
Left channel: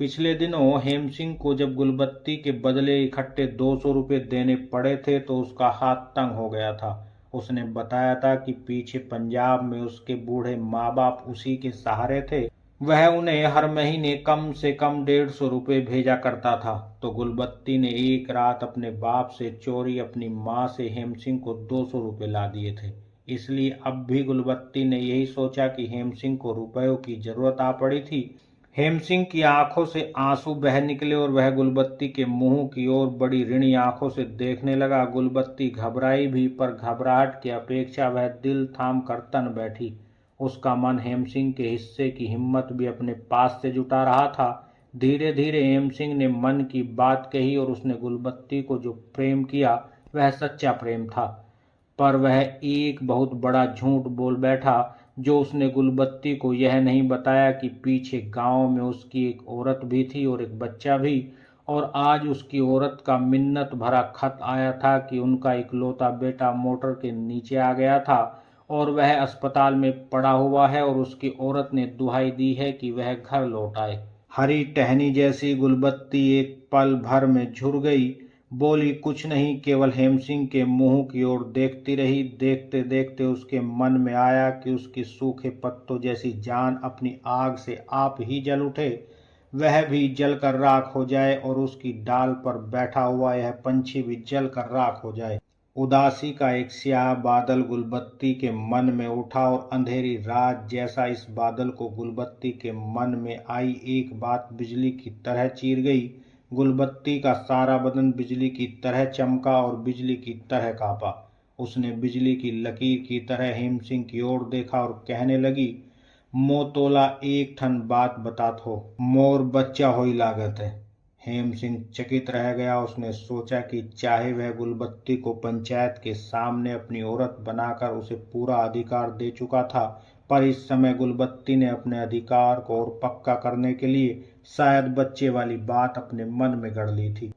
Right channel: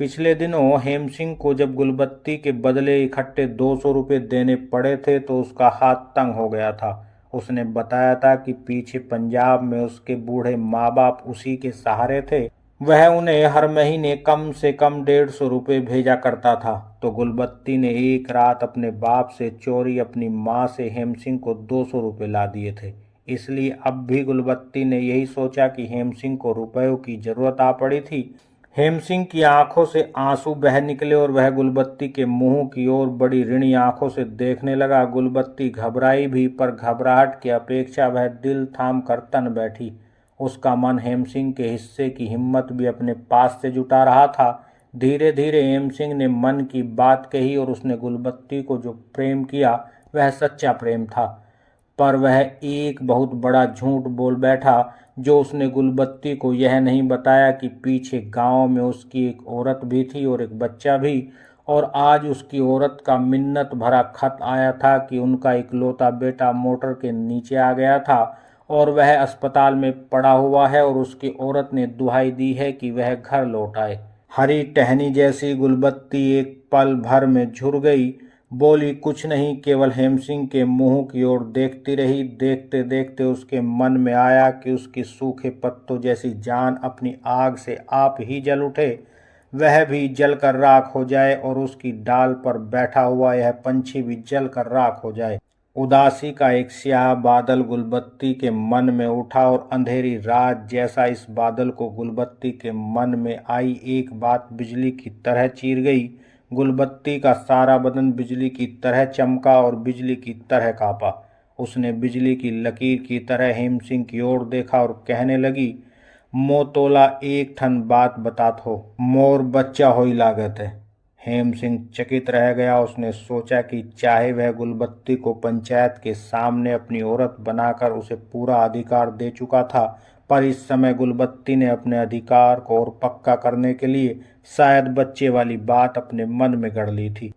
पिछले दिनों हेम सिंह को जब गुलबत्ती के बदले इकट्ठे 200 रुपये देने पड़े थे तो उसका हाथ तंग हो गया था। उसने बताया था कि पीछे पंजाब में उसके बूढ़े माँ बाप उसी के सहारे थे। वह उन्हें हर महीने कम से कम 150 रुपये भेजा करता था। तो गुलबत्ती ने एक रात अपने बाप से चोरी अपनी माँ से हेम सिंह को 200 रुपये ला दिए थे। इसलिए अब भी गुलबत्ती ने यही सोचा कि हेम सिंह को रुपयों की जरूरत आ पड़ी थी। हेम सिंह की आंखों से आंसू बह निकले और वह गुलबत्ती के मुंह की ओर बड़ी ऋणी आंखों से देखने लगा। गुलबत्ती घबराई भी, पर घबराहट की अपेक्षा वह दिल थाम कर तन बैठी। उसका मन हेम सिंह के हिस्से की हिम्मत भी अपने पास से जुटा रहा था। धीरे धीरे हेम सिंह ने मन की बात कही और उसने गुलबत्ती को जो प्रेम किया वह सच्चा प्रेम था, पर वह एक बहुत बड़ा झूठ बोल बैठा। जो उसने गुलबत्ती को यह नहीं बताया कि पीछे गांव में उसकी एक औरत भी थी और एक बच्चा भी, और आज उसकी औरत का मिन्नत भरा खत आया था कि उनका इकलौता बेटा मोटर के नीचे आ गया था और वह अस्पताल में पड़ा हुआ है और उसकी औरत ने दुहाई दी है कि वह घर लौट आए। हरी टहनी जैसी गुलबत्ती एक पल भर में झुर गई, बोली कुछ नहीं, केवल हेम सिंह के मुंह की ओर देखती रही। देखते देखते उसके मन में आया कि उसकी सूखे पत्तों जैसी जान अपनी आग से आप ही जल उठे, वह भी जल कर राख हो जाए और उसकी डाल पर बैठा हुआ यह पंछी भी जल कर राख हो जाए। उदासी का एक स्याह बादल गुलबत्ती के मन में उठा और अंधेरी रात जैसा इस बादल को गुलबत्ती के मन में आई एक बात बिजली की तरह चीर गई। गुलबत्ती का सारा बदन बिजली की तरह चमका और बिजली की तरह कांपा। उसने बिजली की लकीर की तरह हेम सिंह की ओर देखा और कहने लगी, मोतोला एक ठन बात बतात हो, मोर बच्चा होई लागत है। हेम सिंह चकित रह गया। उसने सोचा कि चाहे वह गुलबत्ती को पंचायत के सामने अपनी औरत बनाकर उसे पूरा अधिकार दे चुका था, पर इस समय गुलबत्ती ने अपने अधिकार को और पक्का करने के लिए शायद बच्चे वाली बात अपने मन में गढ़ ली थी।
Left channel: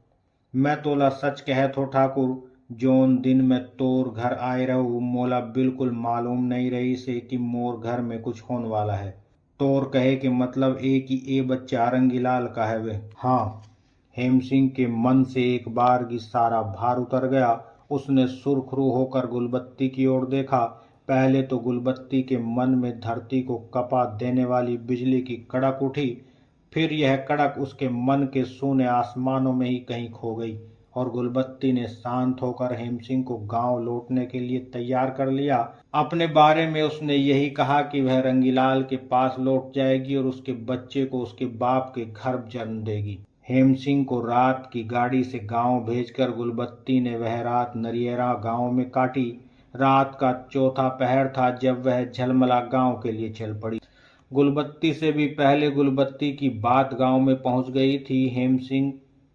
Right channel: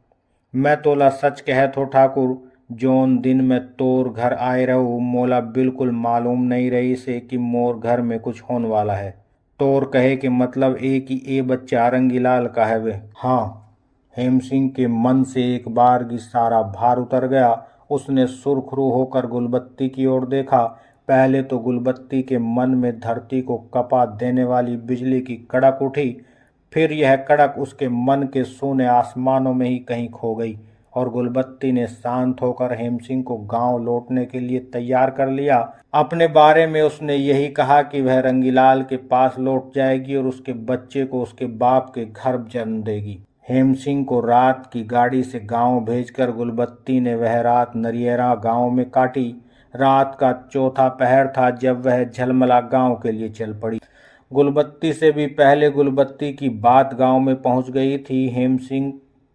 मैं तोला सच कहत हो ठाकुर, जोन दिन में तोर घर आए रहूँ मोला बिल्कुल मालूम नहीं रही से कि मोर घर में कुछ होने वाला है। तोर कहे के मतलब एक ही ए बच्चा रंगीलाल का है वे। हाँ, हेम सिंह के मन से एक बार की सारा भार उतर गया। उसने सुरखरू होकर गुलबत्ती की ओर देखा। पहले तो गुलबत्ती के मन में धरती को कपा देने वाली बिजली की कड़क उठी, फिर यह कड़क उसके मन के सूने आसमानों में ही कहीं खो गई और गुलबत्ती ने शांत होकर हेम सिंह को गांव लौटने के लिए तैयार कर लिया। अपने बारे में उसने यही कहा कि वह रंगीलाल के पास लौट जाएगी और उसके बच्चे को उसके बाप के घर जन्म देगी। हेम सिंह को रात की गाड़ी से गांव भेजकर गुलबत्ती ने वह रात नरियरा गांव में काटी। रात का चौथा पहर था जब वह झलमला गांव के लिए चल पड़ी। गुलबत्ती से भी पहले गुलबत्ती की बात गांव में पहुंच गई थी। हेम सिंह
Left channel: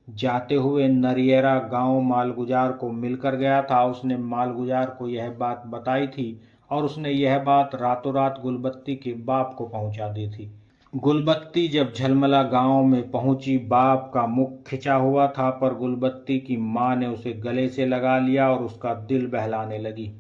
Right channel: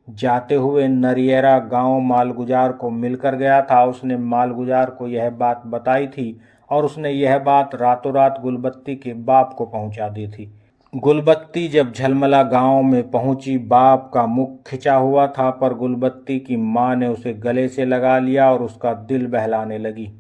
जाते हुए नरियरा गांव मालगुजार को मिलकर गया था। उसने मालगुजार को यह बात बताई थी और उसने यह बात रातों रात गुलबत्ती के बाप को पहुंचा दी थी। गुलबत्ती जब झलमला गांव में पहुंची, बाप का मुख खिंचा हुआ था, पर गुलबत्ती की मां ने उसे गले से लगा लिया और उसका दिल बहलाने लगी।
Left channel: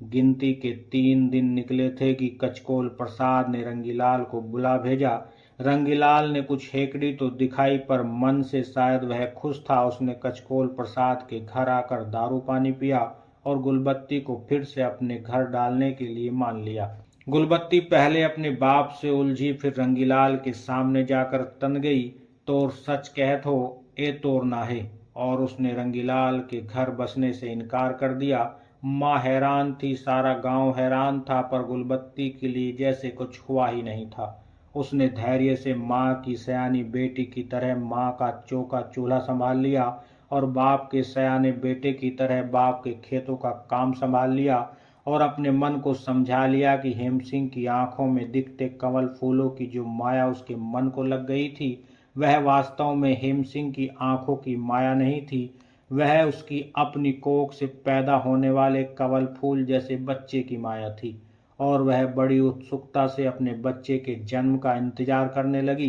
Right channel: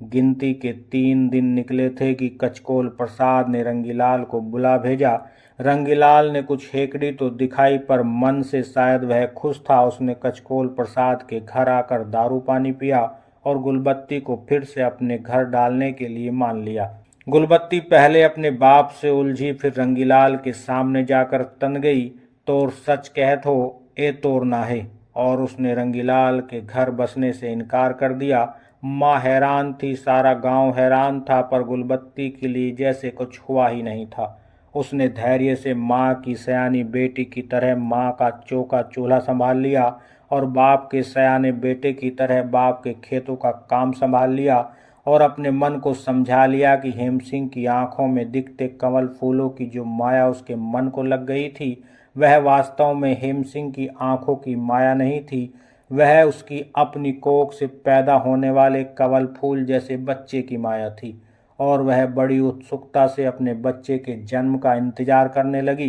गिनती के 3 दिन निकले थे कि कचकोल प्रसाद ने रंगीलाल को बुला भेजा। रंगीलाल ने कुछ हेकड़ी तो दिखाई, पर मन से शायद वह खुश था। उसने कचकोल प्रसाद के घर आकर दारू पानी पिया और गुलबत्ती को फिर से अपने घर डालने के लिए मान लिया। गुलबत्ती पहले अपने बाप से उलझी, फिर रंगीलाल के सामने जाकर तन गई, तोर सच कहत हो ए तोर नाहे, और उसने रंगीलाल के घर बसने से इनकार कर दिया। माँ हैरान थी, सारा गांव हैरान था, पर गुलबत्ती के लिए जैसे कुछ हुआ ही नहीं था। उसने धैर्य से माँ की सयानी बेटी की तरह माँ का चौका चूल्हा संभाल लिया और बाप के सयाने बेटे की तरह बाप के खेतों का काम संभाल लिया और अपने मन को समझा लिया कि हेम सिंह की आंखों में दिखते कमल फूलों की जो माया उसके मन को लग गई थी वह वास्तव में हेम सिंह की आंखों की माया नहीं थी, वह उसकी अपनी कोख से पैदा होने वाले कवल फूल जैसे बच्चे की माया थी। और वह बड़ी उत्सुकता से अपने बच्चे के जन्म का इंतजार करने लगी।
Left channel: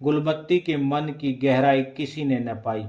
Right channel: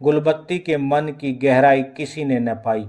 गुलबत्ती के मन की गहराई किसी ने न पाई।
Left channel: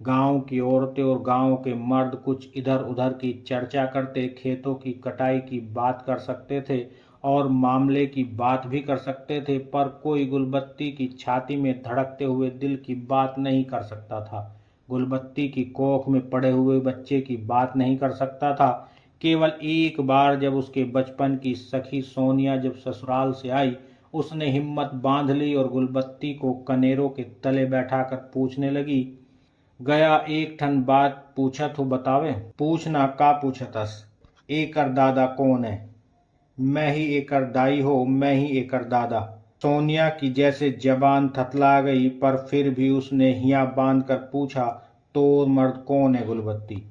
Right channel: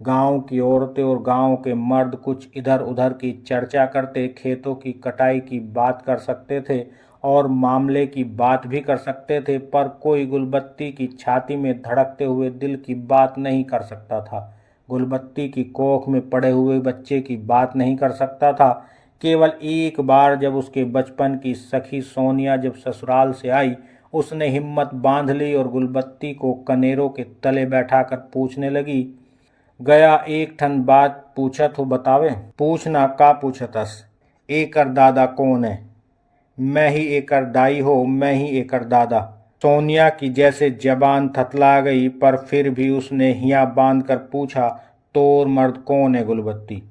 गांव की औरतें और गांव के मर्द कुछ इधर उधर की चर्चा करते, खेतों की कटाई की बात कर सकते थे और मामले की बात भी कर सकते थे, पर कोई गुलबत्ती की छाती में धड़कते हुए दिल की बात नहीं कर सकता था। गुलबत्ती की कोख में पड़े हुए बच्चे की बात नहीं कर सकता था। केवल एक बार जब उसके बचपन की सखी सोनिया जब ससुराल से आई, उसने हिम्मत बांध ली और गुलबत्ती को कनेरों के तले बैठाकर पूछने लगी, गया एक ठन बात पूछत हो बतावे। पूछना का पूछतस, एकर दादा कौन है। मैं ही एकर दाई हो, मैं ही एकर दादा। सोनिया की जैसे जबान थतला गई, पर फिर भी उसने हिया बांध कर पूछा, तोर मर्द कौन है गुलबत्ती।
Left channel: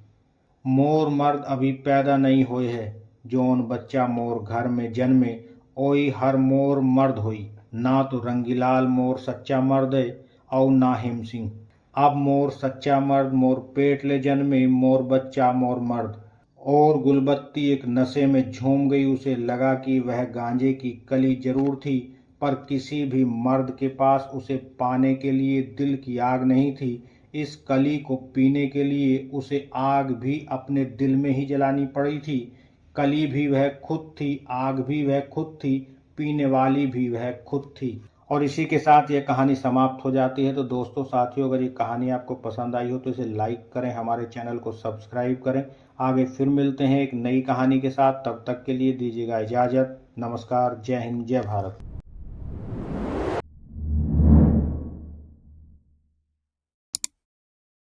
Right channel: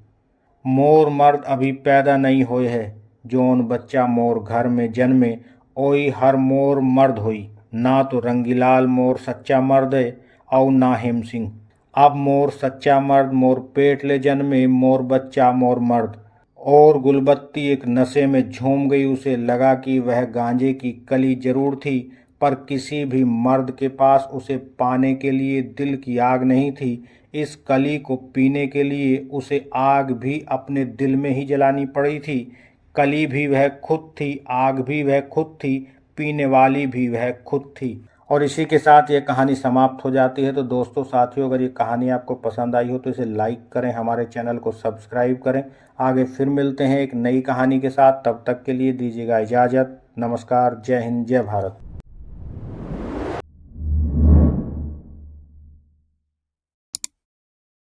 मोर मर्द अभी पैदा नहीं होए है, जोन बच्चा मोर घर में जन्मे ओई हर मोर मर्द होई। ना तो रंगीलाल मोर सच्चा मर्द है और ना हेम सिंह। अब मोर सच्चा मर्द मोर पेट ले जन्मे, मोर बच्चा मोर मर्द। और गुलबत्ती एक नशे में झूम गई। उसे लगा कि वह गांजे की कली जरूर थी, पर किसी भी मर्द के पास उसे पाने के लिए दिल की आग नहीं थी। इस कली को पीने के लिए उसे आग भी अपने दिल में ही जलानी पड़ी थी। कली भी वह खुद थी, आग भी वह खुद थी, पीने वाली भी वह खुद थी। और इसी के साथ ये कहानी समाप्त हो जाती है। तो दोस्तों साथियों, अगर ये कहानी आपको पसंद आई हो तो इसे लाइक करें, हमारे चैनल को सब्सक्राइब करें। आगे फिर मिलते हैं एक नई कहानी के साथ, तब तक के लिए दीजिएगा इजाज़त। नमस्कार, जय हिंद, जय भारत।